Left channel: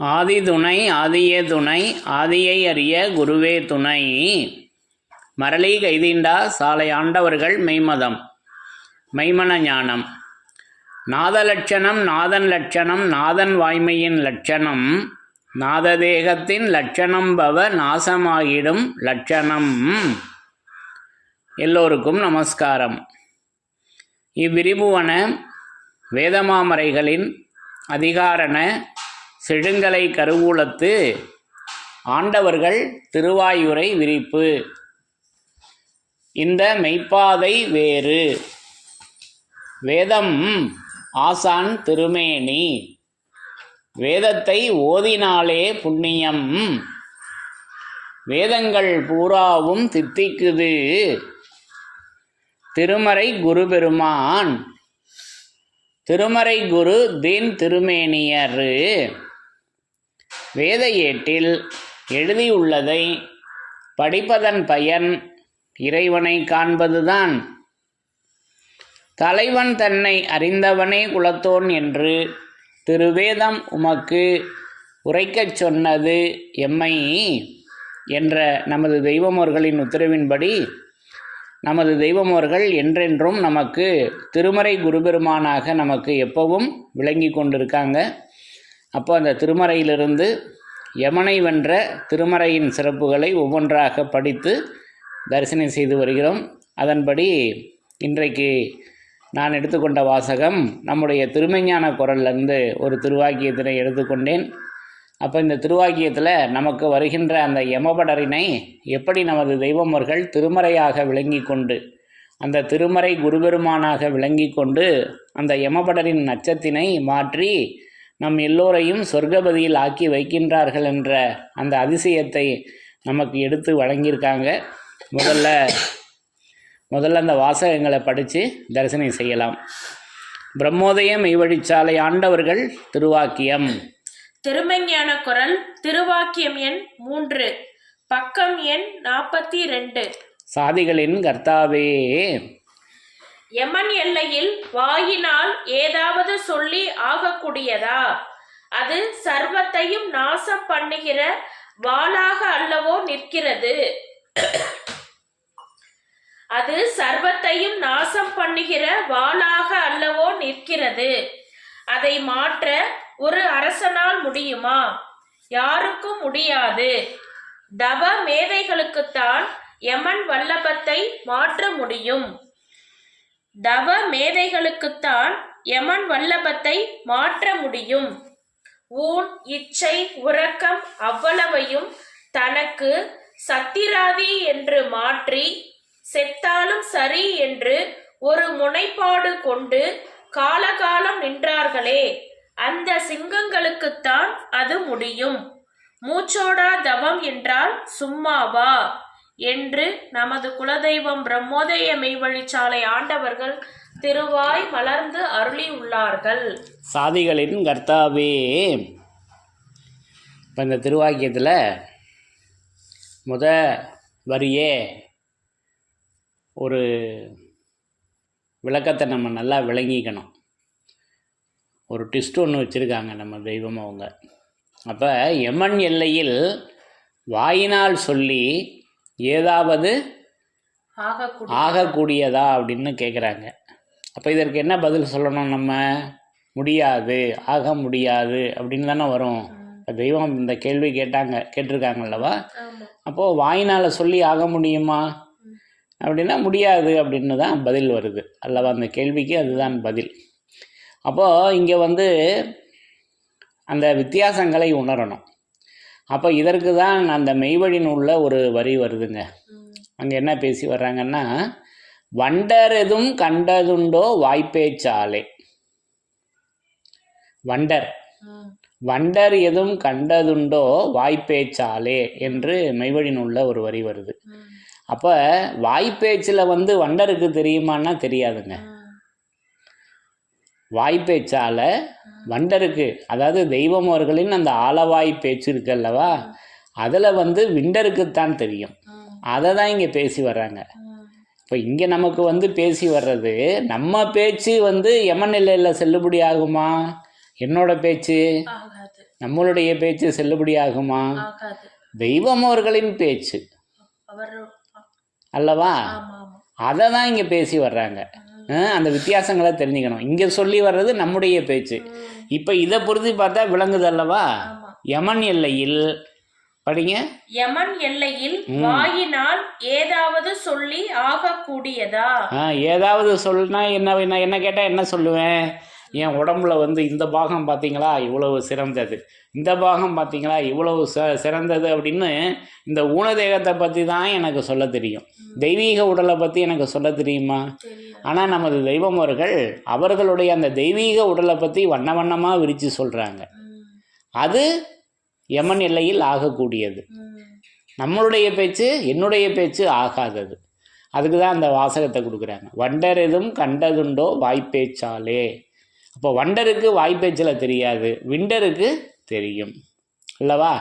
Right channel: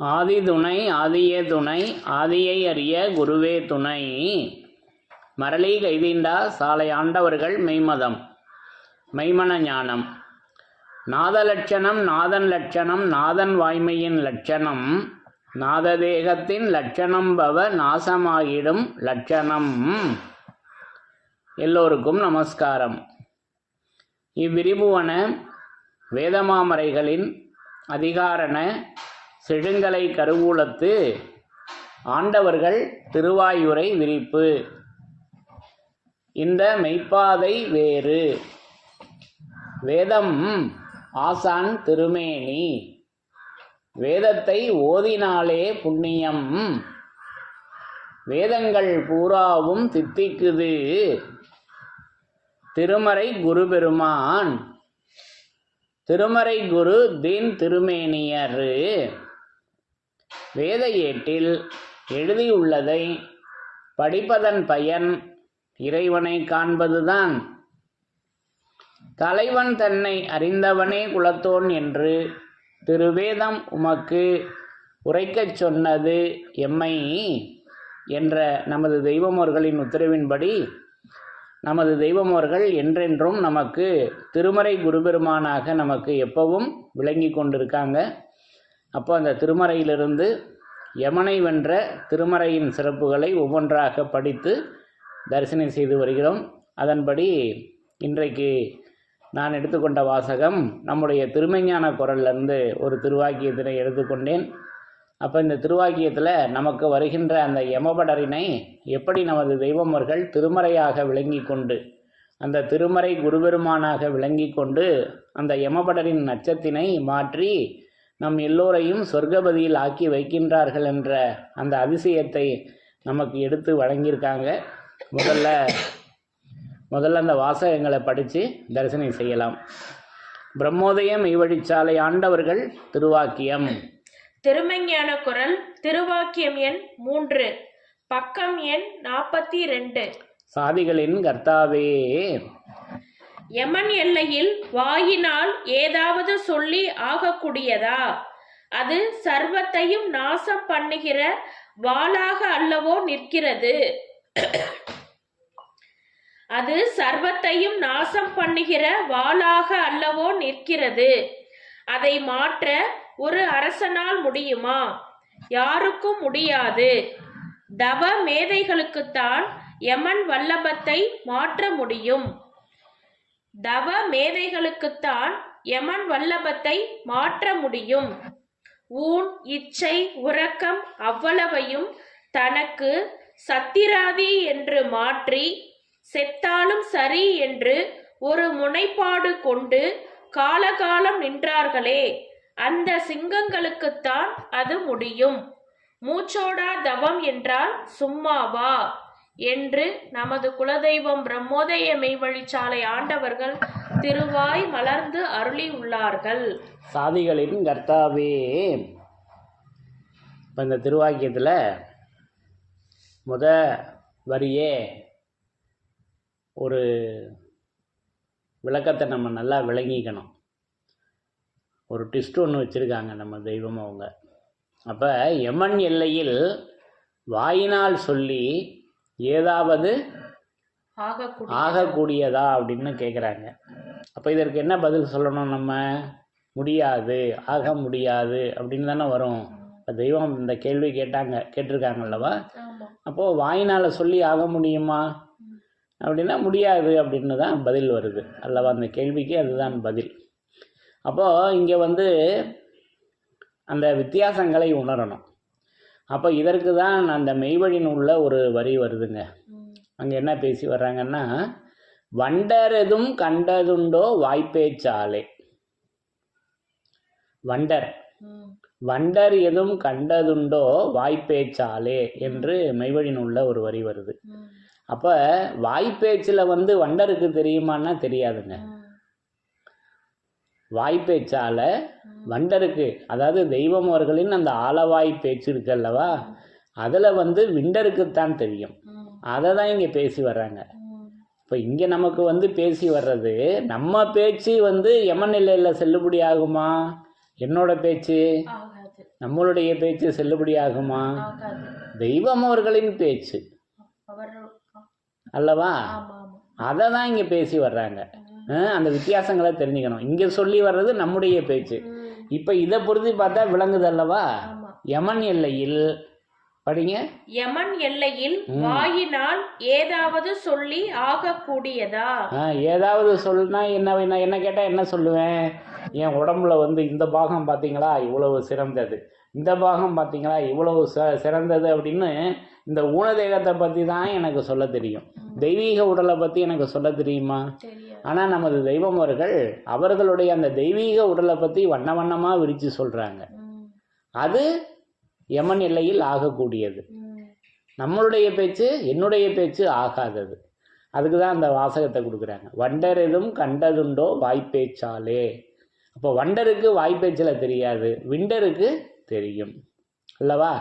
ஆதி துணை ஆதியே துணை ஆதியை அறிய குருவே துணை. மரளி கைதீண்டா சாலை ஆண்டவர்கள் மெய்மதம் மெய்மன ஞானம். நாத லட்சணம் நாதன் லட்சணம் நாதன் வாய்மையின் லட்சணம் நாததேகத்தின் லட்சணம் பவ நாசமாகிடும் லட்சணம். எல்லோருக்கும் நமஸ்காரம். இவ்விரிபுவன வேதமாமரைகளின் அதிகாரண செழுங்கலை கருவூலத்து ஆண்டவர்கள் திருவாயுரை விரிப்பு. இந்த மெய்ப்பாதை வேறு வேதம் ஆசான் திருமேனி. வேதத்தை ஓதினாலே புண்ணியம். வேதங்கள் பூராவும் தித்திக்குது திருமறை குரு பெருமான். திருமறை குரு தீன் திருமேனியர். வேத ஏட்டில் எழுதியுள்ளதை படிப்பதன் பயன் இறைவனை காண்பதுதான். தலைவன் தன்னை அறிந்தவனே குலத்தோன் என்று திருவேதம் உமக்கு உரைக்கச் சொன்னது எம்மை என்ற நமது தெய்வமோர்களின் உத்தரவின்படி நமது தெய்வமோர்கள் என்றென்றும் நமக்கு திருமறை குருபெருமானாக நமக்கு எப்பவும் விளங்கி கொண்டிருக்காங்க. அப்போ அந்த திருமறையிலிருந்து யமனை வென்ற திருமறையின் சிறப்புகளை ஒவ்வொன்றாக படித்து தரிசனம் செய்து வருகிறோம். அதன்படி இன்றைக்கு நான் எடுத்துக்கொண்ட வாசகம் நம்முடைய திருமெஞ்ஞான குரல்லேருந்து ஒரு திருவாக்கியத்தினை எடுத்துக்கொண்டேன். அப்போ இந்த திருவாக்கியத்தில் நமக்கு வருகின்ற அந்த யமபடரினை எப்படி நமது தெய்வமர்கள் திருமறையாக விளங்கி கொண்டு அந்த திருமறை குருபெருமானாக விளங்கி கொண்டு அந்த யமபடரின் நச்சத்தினை மாற்றி நம் எல்லோரையும் சொர்க்கபதியில் ஆக்கி வைக்கின்றார்கள் என்ற அந்த அதிசயத்தை நமக்கு எடுத்து வழங்கியிருக்காங்க. முதல்ல அந்த வாசகங்களை படித்து தரிசனம் செய்யலாம். பிரம்மோதய மெய்வழிச்சாலை ஆண்டவர்கள் திருவாக்கியம். திருமெஞ்ஞான குரல் திருவாக்கியம் எண் 3 பக்கம் எண் 42. சாதிகளின் கர்த்தாவே, யமன் எல்லையில் வாயினால் ஏதாவது சொல்லி ஆகக்கூடியதா? அது சர்வத்தையும் நாசம் பண்ணுகிற வாளாக அல்லவோ நிற்கிறது. அது சர்வத்தையும் நாசம் பண்ணுகிற வாளாக அல்லவோ நிற்கிறது. அதை மாற்ற ஒரு அரசனால் முடியுமா? யாருக்கும் முடியாது. தவ மேதைகளுக்குத்தான் யமன் வல்லபத்தை மாற்ற முடியும். தவ மேதைகளுக்குத்தான் யமன் வல்லபத்தை மாற்ற முடியும். ஊன் இச்சை உறக்கம் அவ்வளவையும் தனக்கு சத்திராதி என்று மாற்றி செத்தாலும் சரி என்று ஒரு முனைப்பாடு கொண்டு காலகாலம் நின்றார்களே, அந்த சிங்கங்களுக்குத்தான் அது முடியும். மூச்சோடா தவம் என்றால் சும்மாவா என்று நமது குலதெய்வம் பிரம்மோதய மெய்வழிச்சாலை ஆண்டவர்கள் திருவாய் மலர்ந்து அருளி உள்ளார்கள். சாதிகளின் கர்த்தாவே. இப்போ இந்த திருவாக்கியத்தில் முத வரியே ஒரு விளக்கத்தை நம்ம நல்லா விளங்கிக்கணும். ஒரு ட்விஸ்ட் ஒன்று வச்சுருக்காங்க நம்ம தெய்வம் அவங்க. அப்போ யமன் எல்லையில் வாயினால் சொல்லி ஏதாவது ஆகக்கூடியதா அப்படின்னு கேட்குறாங்க. அப்போ இதற்கு என்ன பதில் சொல்லணும்? நம்ம முடியாது, ஆக முடியாது அப்படின்னு தானே வரும். இப்போ தெய்வம் இந்த கேள்வி கேட்டிருக்காங்கல்லவா? அப்போது வாயினால் சொல்லி ஆக முடியுமா அப்படின்னா முடியாது அப்படின்னு தான் பதில் வருது அல்லவா? அந்த கேள்விக்கு அதுதான் பதில். அப்போது இங்கே அந்த வித்தியாசங்களை உணரணும். அப்போ இதற்கு தான் அந்த மெய்வழின் உள்ள ஒரு வரி வருதுங்க. அங்கே என்ன பேசி வர்றாங்கன்னா, வண்டர் எதுவும் கண்டதுண்டோ வாய்ப்பேச்சாலே. வண்டர் எதுவும் கண்டதுண்டோ வாய்ப்பேச்சாலே என்று மெய்வழின் உள்ள ஒரு வரி வருது. அப்போ வாய்ப்பேச்சில் வண்டருக்கு தெரியுமான்னா தெரியாதுங்க. வாய்ப்பேச்சால வண்டருக்கு, அதாவது தெய்வம் அவர்களின் அந்த ஆலவாய் பேச்சு இருக்கு அல்லவா, அதில் விண்டருக்குத்தான் தெரியும். அதை தான் இங்கே பேசி வர்றாங்க. இப்போ இங்கே நமக்கு பேசி வர்றது நம்ம பேச்சு யமன் எல்லையில் செல்லுபடி ஆகுமா? என்னோட பேச்சு நம்மளுடைய பேச்சு செல்லுபடியாகுமா? ஆகாது. தெய்வம் அவர்களின் பேச்சு அவர் அல்லவா? ஆமா ஆமா. அதை தான் இங்கே பேசி வர்றாங்க. அந்த வித்தியாசங்களை தெரிஞ்சுக்கணும். இங்கே சொல்லி வர்றது நம்முடைய பேச்சு. இப்போ இதை பொறுத்து பார்த்தா விளங்குது அல்லவா? ஆமா. யமன் எல்லையில் படிங்க. யமன் எல்லையில் வாயினால் ஏதாவது சொல்லி ஆகக்கூடியதா? ஏதாவது சொல்லுனா என்ன கேட்டால் என்ன சொல்லுவேன்? என் உடம்புல வந்து இந்த பாகம் பார்த்தீங்களா இவ்வளவு சிறந்தது, இந்த பாகம் பார்த்தீங்களா இவ்வளவு சிறந்தது அப்படின்னு இந்த ஊனதேகத்தை பற்றி தான் எனக்கு சொல்ல தெரியும். தெய்வீக உடலை பற்றி எனக்கு சொல்ல தெரியுமா? ஆனால் நமது தெய்வம் அவர்களுடைய அந்த தெய்வீக உடலை பற்றி வண்ண வண்ணமாக விரித்து சொல்கிறாங்க. அது யமன் எல்லையில் ஆகக்கூடியது. நம்மளுடைய பேச்சு என்னுடைய பேச்சு ஆகாதது. அதுக்கு தான் அந்த வாசகத்தை கொடுக்குறாங்க. வண்டர் எதுவும் கண்டதுண்டோ வாய்ப்பேச்சாலே. அப்போ வண்டருக்கு வாய்ப்பேச்சில் தெரியாது, விண்டருக்கு தெரியும் அல்லவா?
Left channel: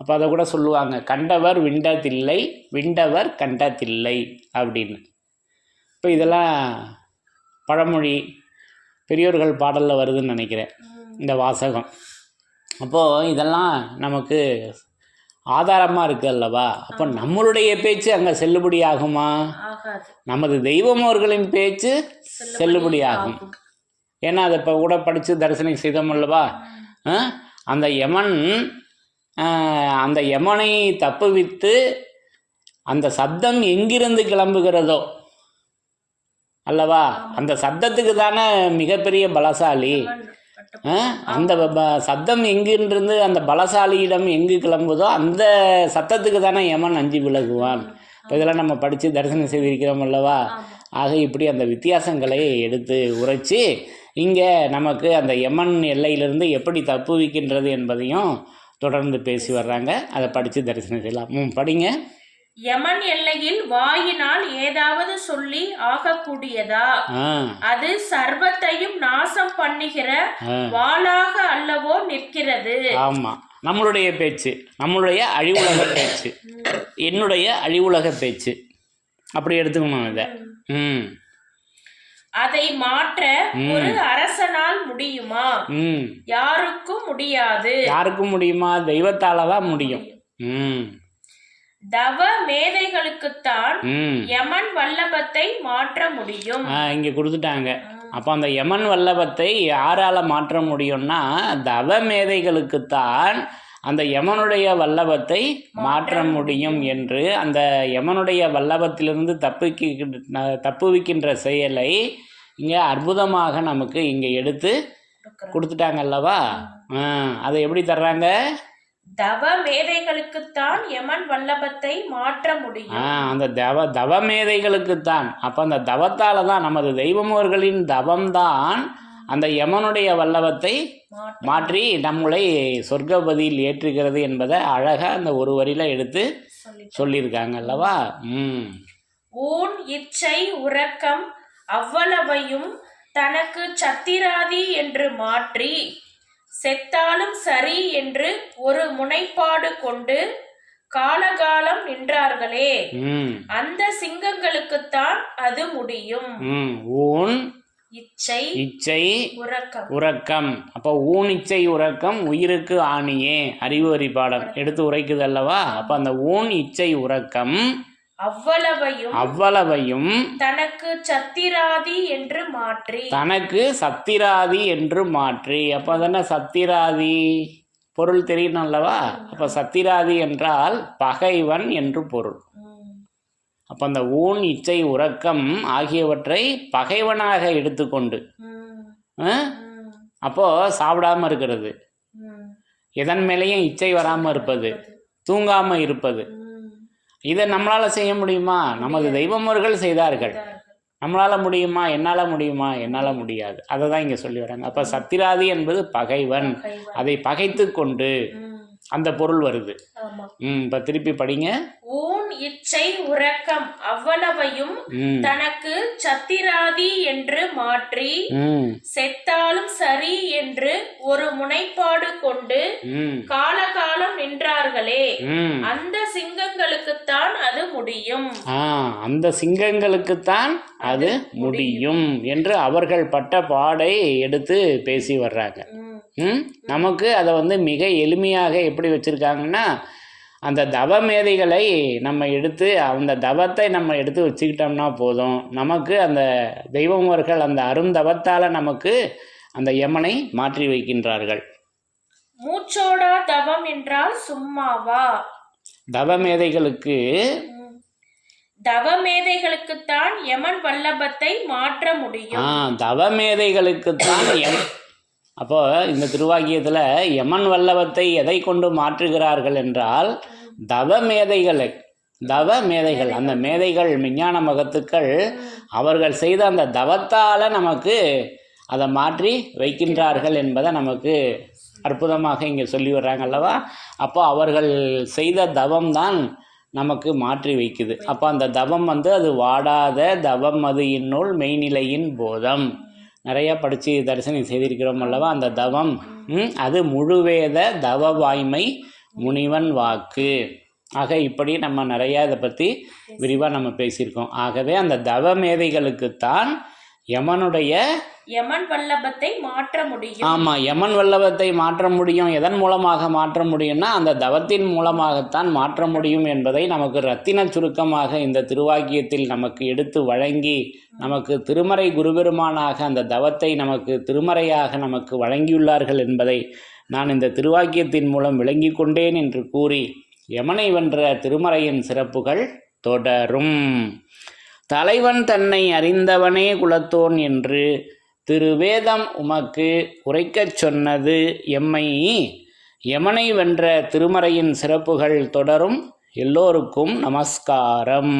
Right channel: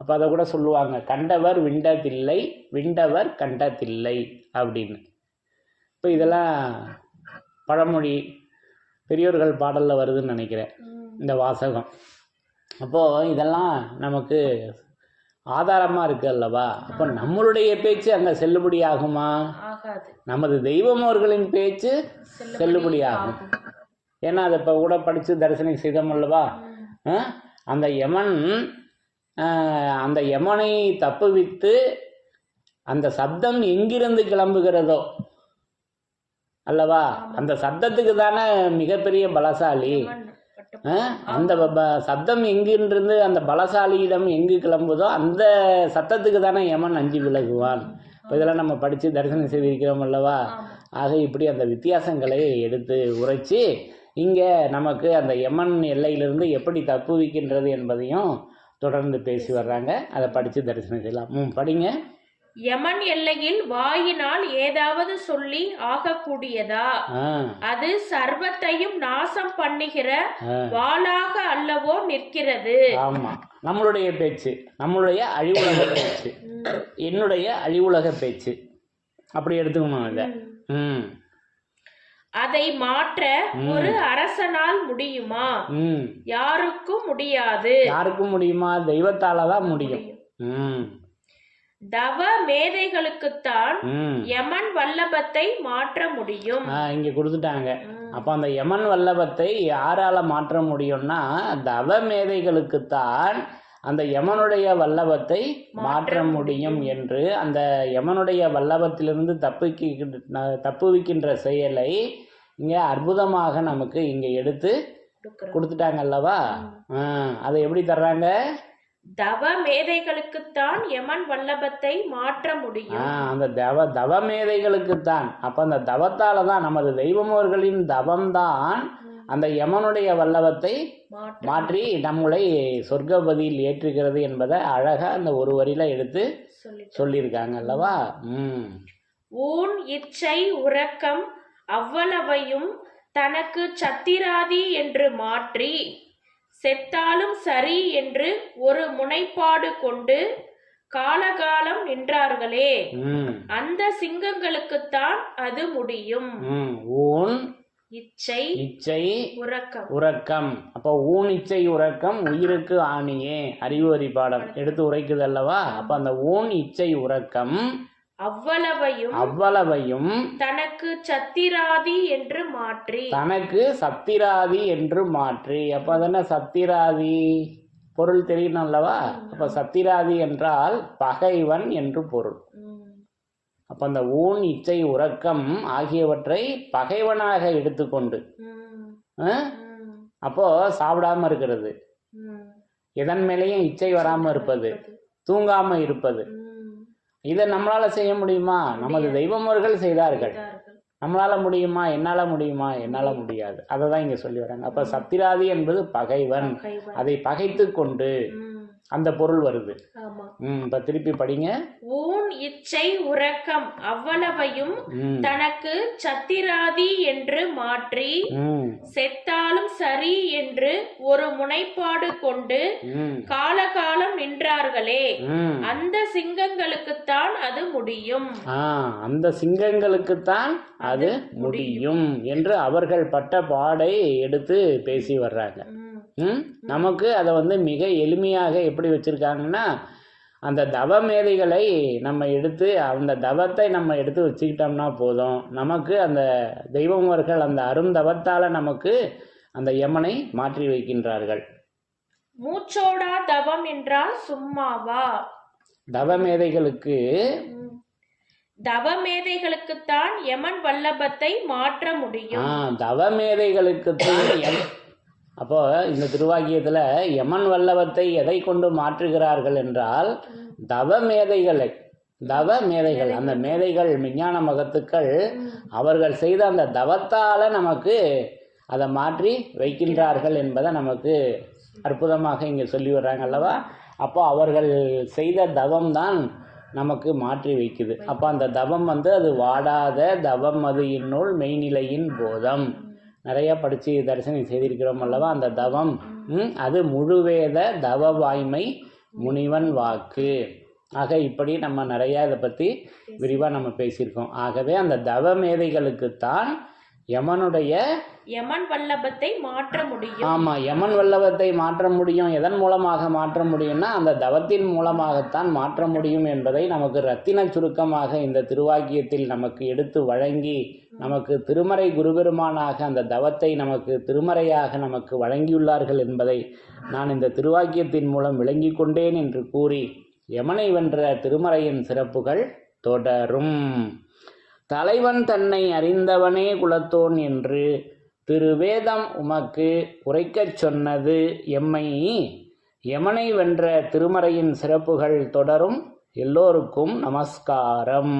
அப்போ அதை கூட சொல்லுவாங்க, கண்டவர் விண்டதில்லை, விண்டவர் கண்டதில்லை அப்படின்னு. இப்போ இதெல்லாம் பழமொழி பெரியோர்கள் பாடலில் வருதுன்னு நினைக்கிறேன் இந்த வாசகம். அப்போது இதெல்லாம் நமக்கு ஆதாரமாக இருக்குது அல்லவா? அப்போ நம்மளுடைய பேச்சு அங்கே செல்லுபடி ஆகுமா? நமது தெய்வம் அவர்களின் பேச்சு செல்லுபடி ஆகும். ஏன்னா அதை இப்போ கூட படித்து தரிசனம் செய்தோம் அல்லவா? அந்த யமனை தப்புவித்து அந்த சப்தம் எங்கிருந்து கிளம்புகிறதோ அல்லவா, அந்த சப்தத்துக்கு தானே மிகப்பெரிய பலசாலி. அந்த சப்தம் எங்கிருந்து அந்த பலசாலியிடம் எங்கு கிளம்புதோ அந்த சத்தத்துக்கு தானே யமன் அஞ்சு விலகுவான். இப்போ இதெல்லாம் நம்ம படித்து தரிசனம் செய்திருக்கிறோம் அல்லவா? ஆக இப்படி அந்த வித்தியாசங்களை எடுத்து உரைச்சி இங்கே நமக்கு அந்த யமன் எல்லையிலிருந்து எப்படி தப்புவிக்கின்றது என்பதையும் தொடர்ந்து பேசி வர்றாங்க. அதை படித்து தரிசனம் செய்யலாம். படிங்க. யமன் எல்லையில் வாயினால் ஏதாவது சொல்லி ஆகக்கூடியதா? அது சர்வத்தையும் நாசம் பண்ணுகிற வாளாக அல்லவோ நிற்கிறது. ஆமா, நம்மளுடைய பேச்சு, நம்மளுடைய அழிவுலக பேச்சு, என்னுடைய அழிவுலக பேச்சு, அப்படி எடுத்துக்கணும் இதை. அதை மாற்ற ஒரு அரசனால் முடியுமா? யாருக்கும் முடியாது. யாருக்கும் முடியுமா? தெய்வத்தால தான் முடியும். தவ மேதைகளுக்குத்தான் யமன் வல்லபத்தை மாற்ற முடியும். இங்க கொடுத்துட்டாங்க. அப்போ அந்த யமன் வல்லபத்தை யாரால மாற்ற முடியும்னா தவ மேதைகளுக்குத்தான் அந்த யமனுடைய வல்லபத்தை மாற்ற முடியும் என்று அந்த யமனுடைய வல்லபத்திலிருந்து தப்புவிக்கின்ற செயலை இங்கே அற்புதமாக நமக்கு இங்கே எடுத்து கொடுத்துட்டாங்க அல்லவா? அதை எப்படி தர்றாங்க? தவ மேதைகளுக்குத்தான் யமன் வல்லபத்தை மாற்ற முடியும். அந்த தவ மேதைகளுக்குத்தான். அப்போ அந்த தவத்தால தான் நமது தெய்வமோர்களின் தவம்தான் அந்த யமனுடைய வல்லபத்தை மாற்றி நம்மளை சொர்க்கபதியில் ஏற்றுகிறது என்பதை அழகாக அந்த ஒரு வரியில் எடுத்து சொல்லியிருக்காங்க அல்லவா? ஊன் இச்சை உறக்கம் அவ்வளவையும் தனக்கு சத்திராதி என்று மாற்றி செத்தாலும் சரி என்று ஒரு முனைப்பாடு கொண்டு காலகாலம் நின்றார்களே, அந்த சிங்கங்களுக்குத்தான் அது முடியும். ஊன் இச்சை உறக்கம். அப்போ ஊன் இச்சை உறக்கம் உயிருக்கு ஆணியே அறிவு வரி பாடம் எடுத்து உரைக்குது அல்லவா? அப்ப அந்த ஊன் இச்சை உறக்கம் அவ்வளவையும் தனக்கு சத்திராதி என்று மாற்றி அப்ப அதென்ன சத்திராதி பொருள் தெரியணும் அல்லவா? அப்ப சத்திராதி என்றால் பகைவன் என்று பொருள். அப்போ அந்த ஊன் இச்சை உறக்கம் ஆகியவற்றை பகைவனாக எடுத்துக்கொண்டு அப்போ சாப்பிடாம இருக்கிறது, எதன் மேலேயும் இச்சை வராமல் இருப்பது, தூங்காமல் இருப்பது, இதை நம்மளால செய்ய முடியுமா? நமது தெய்வமர்கள் செய்தார்கள். நம்மளால முடியுமா? என்னால் முடியுமா? என்னால் முடியாது. அதை தான் இங்கே சொல்லி வராங்க. அப்போ சத்திராதி என்பது பகைவன், அதை பகைத்து கொண்டு அந்த பொருள் வருது. இப்ப திருப்பி படிங்க. ஊன் இச்சை உறக்கம் அவ்வளவையும் தனக்கு சத்திராதி என்று மாற்றி செத்தாலும் சரி என்று ஒரு முனைப்பாடு கொண்டு காலகாலம் நின்றார்களே, அந்த சிங்கங்களுக்குத்தான் அது முடியும். அந்த சிங்கங்களுக்குத்தான் அது முடியும் என்று அவர்கள் பட்ட பாடை எடுத்து பேசி வர்றாங்க. நமக்கு அதை வந்து மிக எளிமையாக எப்படி வச்சுருக்காங்கன்னா, அந்த தவ மேதைகளை நம்ம எடுத்து அந்த தவத்தை நம்ம எடுத்து வச்சுக்கிட்டோம்னா போதும், நமக்கு அந்த தெய்வமர்கள் அந்த அருந்தவத்தால் நமக்கு அந்த யமனை மாற்றி வைக்கின்றார்கள். மூச்சோடா தவம் என்றால் சும்மாவா? தவமேதைகளுக்குத்தான் யமன் வல்லபத்தை மாற்ற முடியும். தவமேதைகளுக்குத்தான் அப்போ இந்த திருவாக்கியத்தில் யமன் வல்லபத்தை எதை கொண்டு மாற்றுகிறார்கள் என்றால் தவமேதைகள், அந்த மேதைகள் விஞ்ஞான மகத்துக்கள் அவர்கள் செய்த அந்த தவத்தால் நமக்கு அதை மாற்றி வைக்கின்றார்கள் என்பதை நமக்கு அற்புதமாக இங்கே சொல்லி வர்றாங்க அல்லவா. அப்போ அவர்கள் செய்த தவம் தான் நமக்கு மாற்றி வைக்குது. அப்போ அந்த தவம் வந்து அது வாடாத தவம், அது இந்நூல் மெய்நிலையின் போதம், நிறையா படித்து தரிசனம் செய்திருக்கிறோம் அல்லவா. அந்த தவம் அது முழுவேத தவ வாய்மை முனிவன் வாக்கு. ஆக இப்படி நம்ம நிறையா இதை பற்றி விரிவாக நம்ம பேசியிருக்கோம். ஆகவே அந்த தவ மேதைகளுக்குத்தான் யமன் வல்லபத்தை மாற்ற முடியும். ஆமாம், யமன் வல்லபத்தை மாற்ற முடியும். எதன் மூலமாக மாற்ற முடியும்னா அந்த தவத்தின் மூலமாகத்தான் மாற்ற முடியும் என்பதை நமக்கு ரத்தின சுருக்கமாக இந்த திருவாக்கியத்தில் நமக்கு எடுத்து வழங்கி, நமக்கு திருமறை குருபெருமானாக அந்த தவத்தை நமக்கு திருமறையாக நமக்கு வழங்கியுள்ளார்கள் என்பதை நான் இந்த திருவாக்கியத்தின் மூலம் விளங்கி கொண்டேன் என்று கூறி, யமனை வென்ற திருமறையின் சிறப்புகள் தொடரும். தலைவன் தன்னை அறிந்தவனே குலத்தோன் என்று திருவேதம் உமக்கு உரைக்கச் சொன்னது எம்மை. யமனை வென்ற திருமறையின் சிறப்புகள் தொடரும். எல்லோருக்கும் நமஸ்காரம்.